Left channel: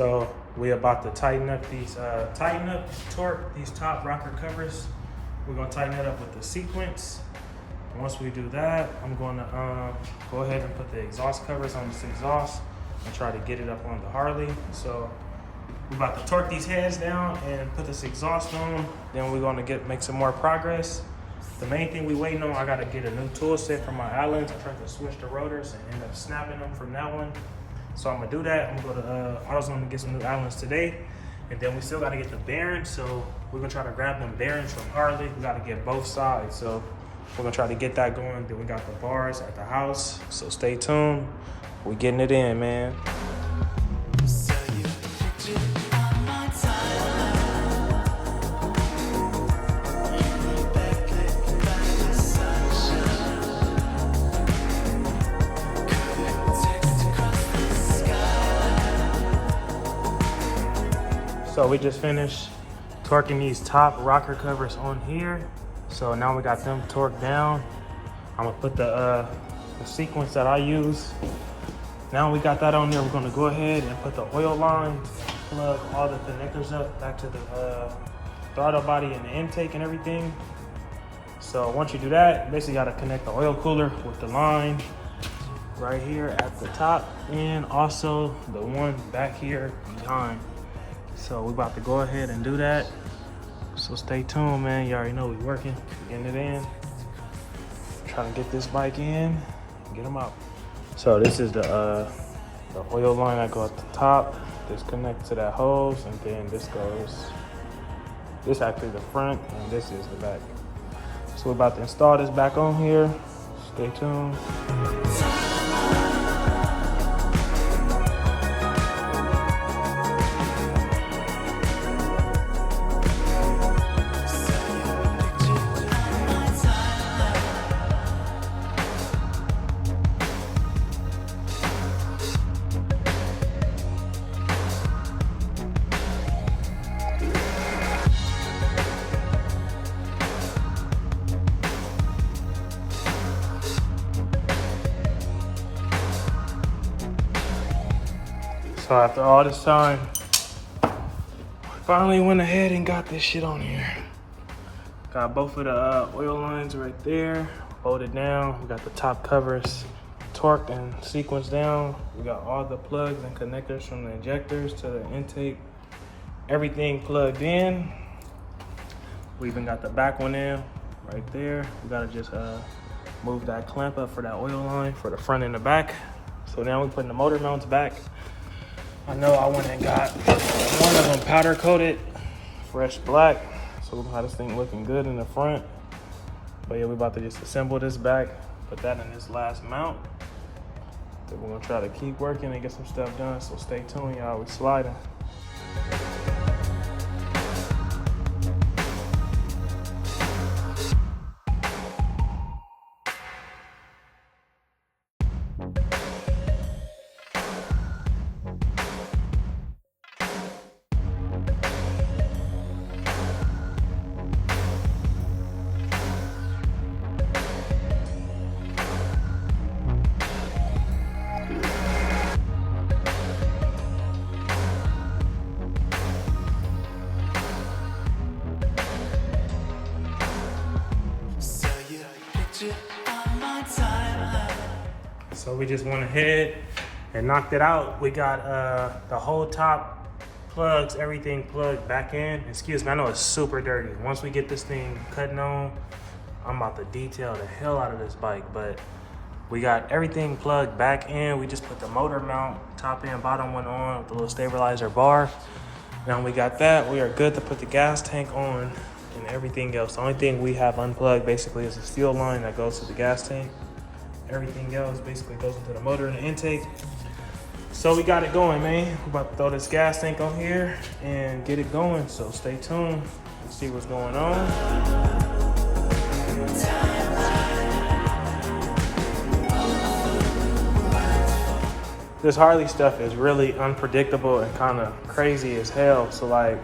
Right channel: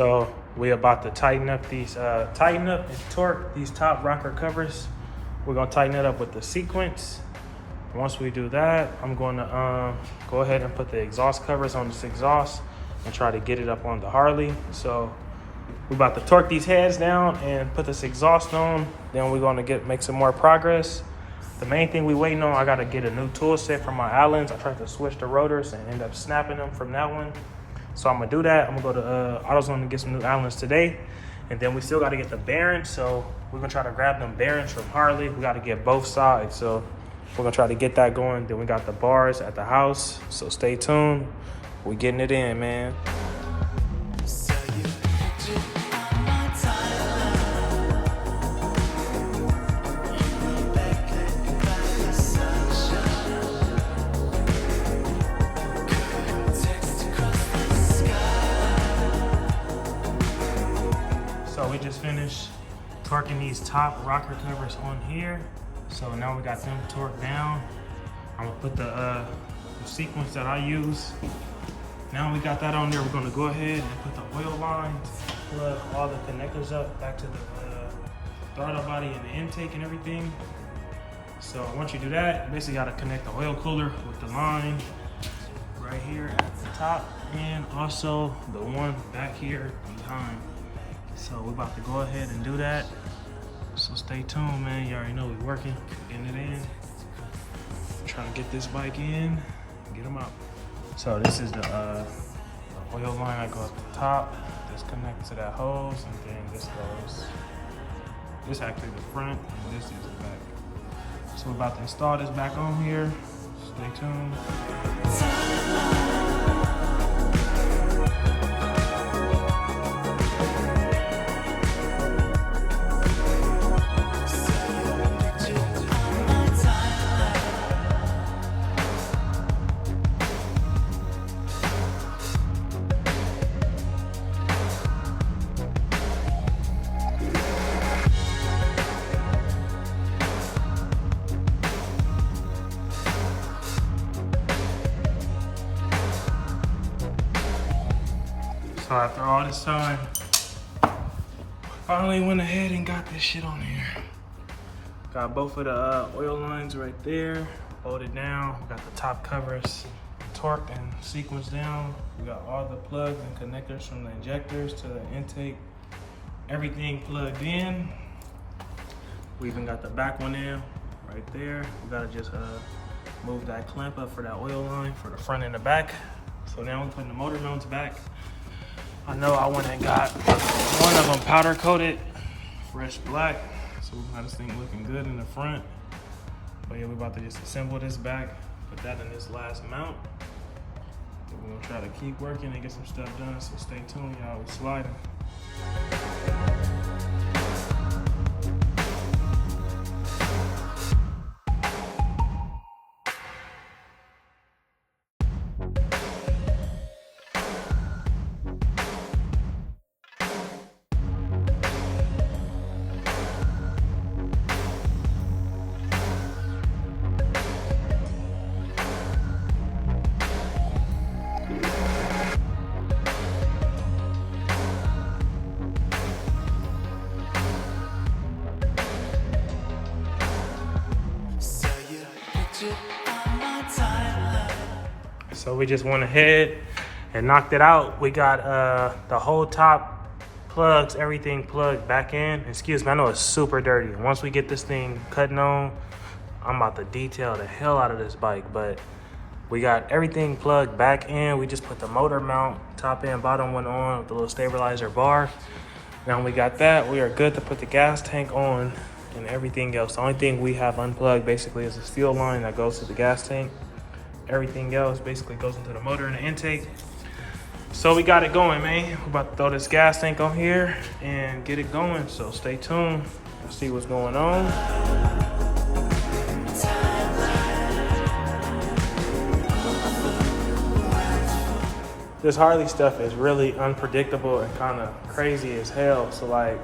So we about to tighten up and torque these top rocker covers. We're gonna tighten it up with the sequence. Once we do that, I'm gonna go ahead and put the exhaust covers on this exhaust and try to get it up on the Harley. So we're about to torque these heads down and put this exhaust on. Then we're gonna make some more progress. The main thing we waiting on, I gotta get a new tool set for my Allens. I tried to switch the rotors and end up snapping them from that one. So I'm gonna do that. I'm gonna go to AutoZone to get some new Allens today. And then we still gotta get the bearings. So we're gonna try to grab them bearings from Harley. We gotta get both sides. So we're gonna try to get that going. Then we got the bars at the house. So stay tuned. We're getting it in, man. So we just finished torquing these top rocker covers on here. So now we got them torqued down. I'm gonna put the sequence that I use. Now we got that on there, we're gonna go ahead and put the oil lines, plug all the connectors up back to the throttle body and the intake and everything. So once you do that, you basically gotta connect the oil cooler with the line right here at the top and also the one back here behind. So we're about to go ahead and do that. So stay tuned, man. You already know we're working, getting it in. Trying to get this bike in and get them out. So this is the oil line that goes at the top. This connects to that hose, and then this goes, this actually the front, and this is the back. So we're about to install this back on here. Stay tuned. So after all this time, finally went ahead and got this shit on here. Got both of the oil lines right there, bolted down. We got the top covers torqued and sequenced down. We got all the plugs and connectors from the injectors to the intake. Everything plugged in. We even got the back one in right there. We gotta just move that clamp up for that oil line for the front and the back. So now we're putting the motor mounts back. I know I went and got one of them powder coated, fresh black. So we're gonna have this thing looking good in the front. But yeah, we're about to just assemble this back, put that in this last mount. Then we're gonna try to keep working and get some stuff done. So stay tuned, y'all, we're sliding. So we just went ahead and knocked it out. We got the whole top plugs, everything plugged back in. Excuse me, I know it's super dirty. Once we get this thing cutting on, I'm about to detail the hell out of this bike, but we got everything plugged back in. We just put the motor mount, top and bottom one on with the little stabilizer bar. Now we got that, we are good to put the gas tank on and everything else. The only thing we have unplugged basically is the fuel line that goes to the gas tank. Everything else basically goes into the motor and the intake. So we got it going, man. We're about to throw this gas tank on here and get it going. So stay tuned and see what's going on. This Harley stuff is really unpredictable and kind of crazy as hell. So like,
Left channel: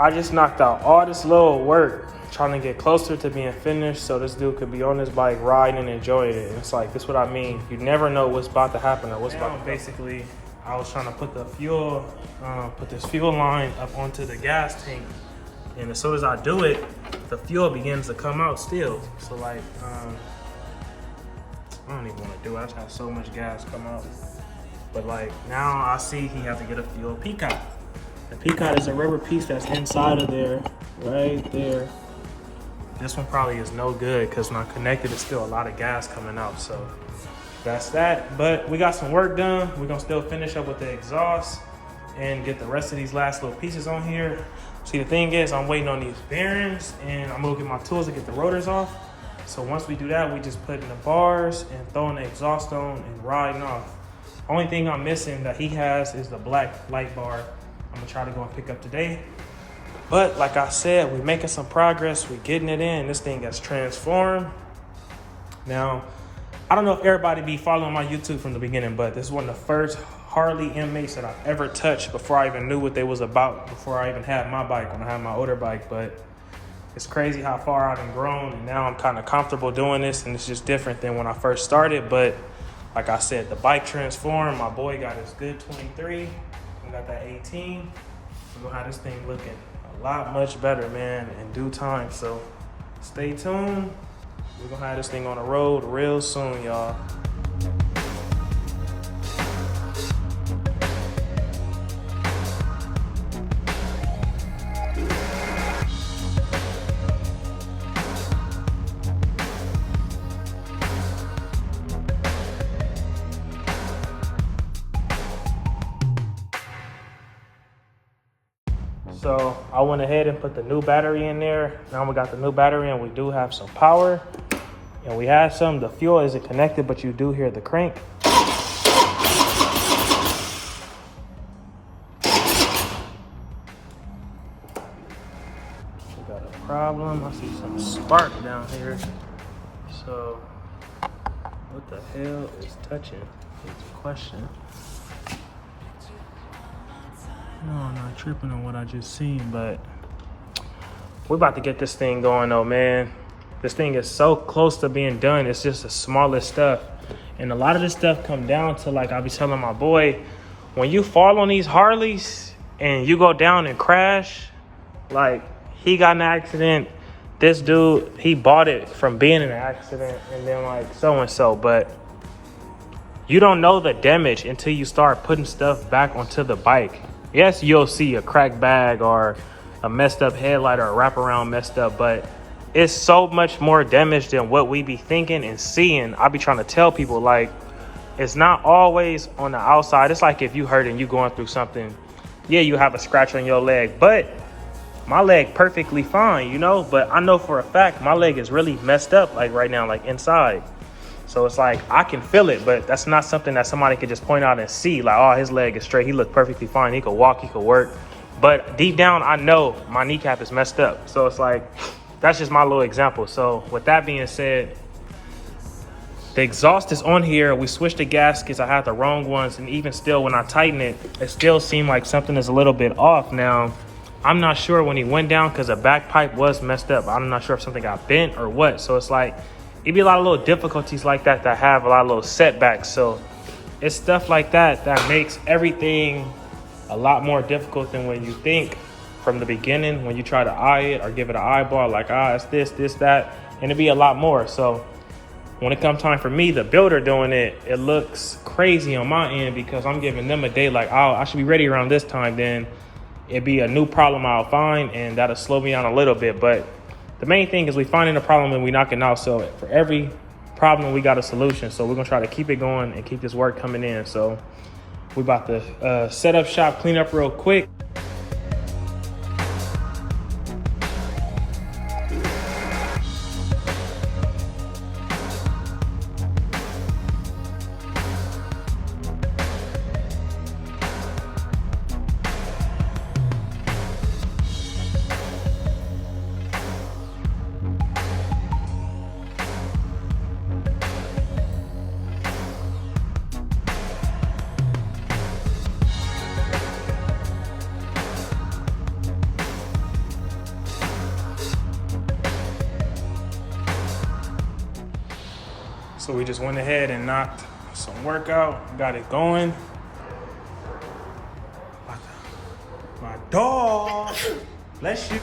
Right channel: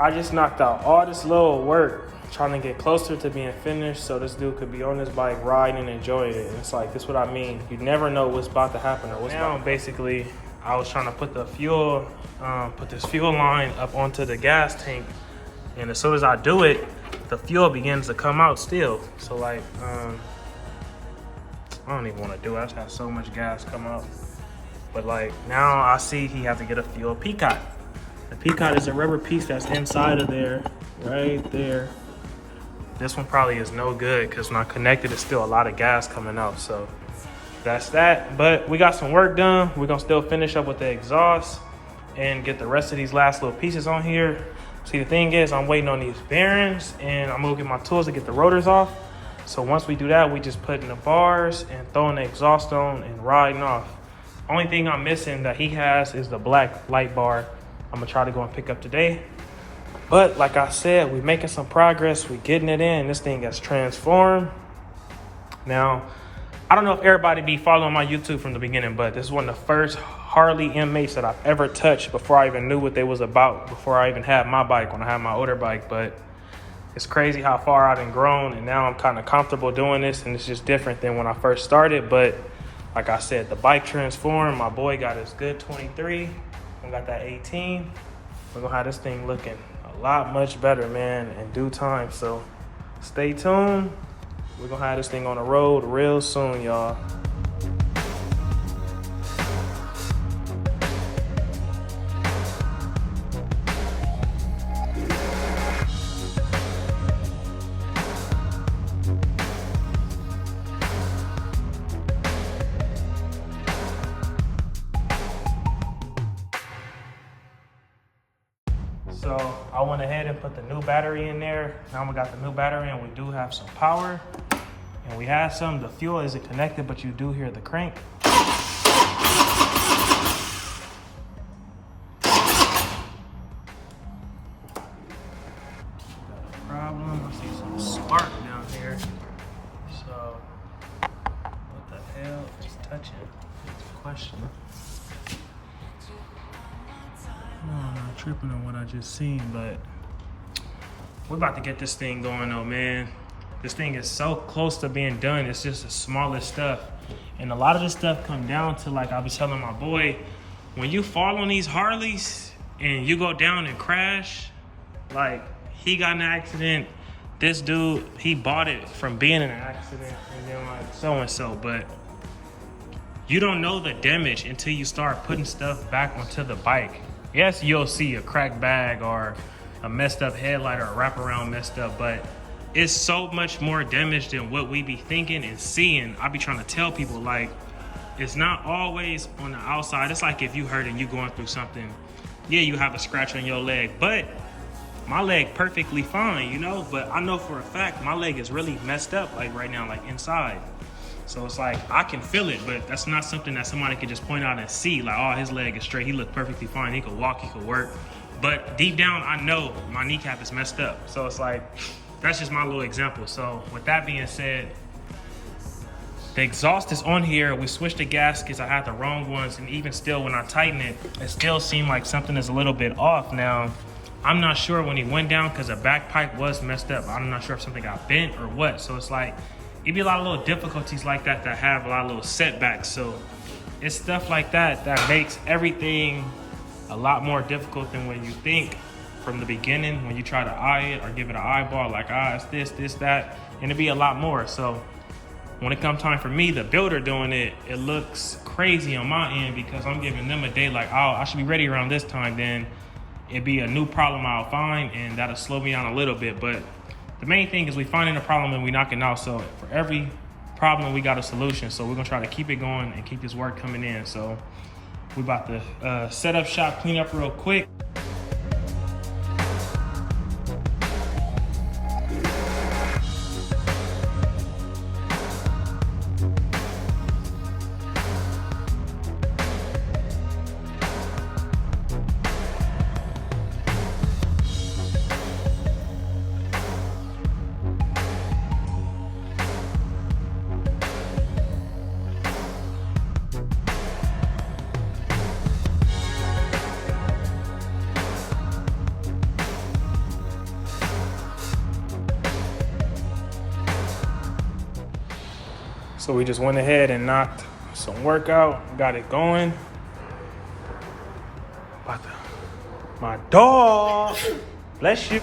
I just knocked out all this little work trying to get closer to being finished so this dude could be on this bike riding and enjoying it. And it's like, this is what I mean. You never know what's about to happen or what's about to happen. Basically, I was trying to put the fuel, put this fuel line up onto the gas tank. And as soon as I do it, the fuel begins to come out still. So like, I don't even want to do it. I just have so much gas come out. But like now I see he has to get a fuel peacock. The peacock is a rubber piece that's inside of there, right there. This one probably is no good because when I connected, it's still a lot of gas coming out. So that's that. But we got some work done. We're gonna still finish up with the exhaust and get the rest of these last little pieces on here. See, the thing is, I'm waiting on these bearings and I'm gonna get my tools to get the rotors off. So once we do that, we just put in the bars and throwing the exhaust on and riding off. Only thing I'm missing that he has is the black light bar. I'm gonna try to go and pick up today. But like I said, we're making some progress. We're getting it in. This thing gets transformed. Now, I don't know if everybody be following my YouTube from the beginning, but this is one of the first Harley M8s that I've ever touched before I even knew what they was about, before I even had my bike, when I had my older bike. But it's crazy how far I've grown, and now I'm kind of comfortable doing this, and it's just different than when I first started. But like I said, the bike transformed. My boy got his good 23. I got that 18. We're gonna have this thing looking a lot much better, man, in due time. So stay tuned. We're gonna have this thing on the road real soon, y'all. So I went ahead and put the new battery in there. Now we got the new battery and we do have some power. And we had some, the fuel isn't connected, but you do hear the crank. Got a problem. I see some spark down here. So what the hell is touching? That's the question. No, I'm not tripping on what I just seen, but we're about to get this thing going though, man. This thing is so close to being done. It's just the smallest stuff. And a lot of this stuff come down to, like I be telling my boy, when you fall on these Harleys and you go down and crash, like he got in an accident. This dude, he bought it from being in an accident and then like so-and-so, but you don't know the damage until you start putting stuff back onto the bike. Yes, you'll see a cracked bag or a messed up headlight or a wraparound messed up, but it's so much more damage than what we be thinking and seeing. I be trying to tell people, like, it's not always on the outside. It's like if you hurt and you going through something, yeah, you have a scratch on your leg, but my leg perfectly fine, you know? But I know for a fact my leg is really messed up, like right now, like inside. So it's like, I can feel it, but that's not something that somebody could just point out and see. Like, oh, his leg is straight. He looked perfectly fine. He could walk, he could work. But deep down, I know my kneecap is messed up. So it's like, that's just my little example. So with that being said, the exhaust is on here. We switched the gaskets. I had the wrong ones. And even still, when I tighten it, it still seemed like something is a little bit off. Now, I'm not sure when he went down because the back pipe was messed up. I'm not sure if something got bent or what. So it's like, it'd be a lot of little difficulties like that that have a lot of little setbacks. So it's stuff like that that makes everything a lot more difficult than when you think from the beginning, when you try to eye it or give it an eyeball, like, it's this, that, and it'd be a lot more. So when it comes time for me, the builder doing it, it looks crazy on my end because I'm giving them a day like, oh, I should be ready around this time. Then it'd be a new problem I'll find and that'll slow me down a little bit. But the main thing is we finding a problem and we knock it out. So for every problem, we got a solution. So we're gonna try to keep it going and keep this work coming in. So we about to set up shop, clean up real quick. So we just went ahead and knocked some work out, got it going. My dog. Bless you.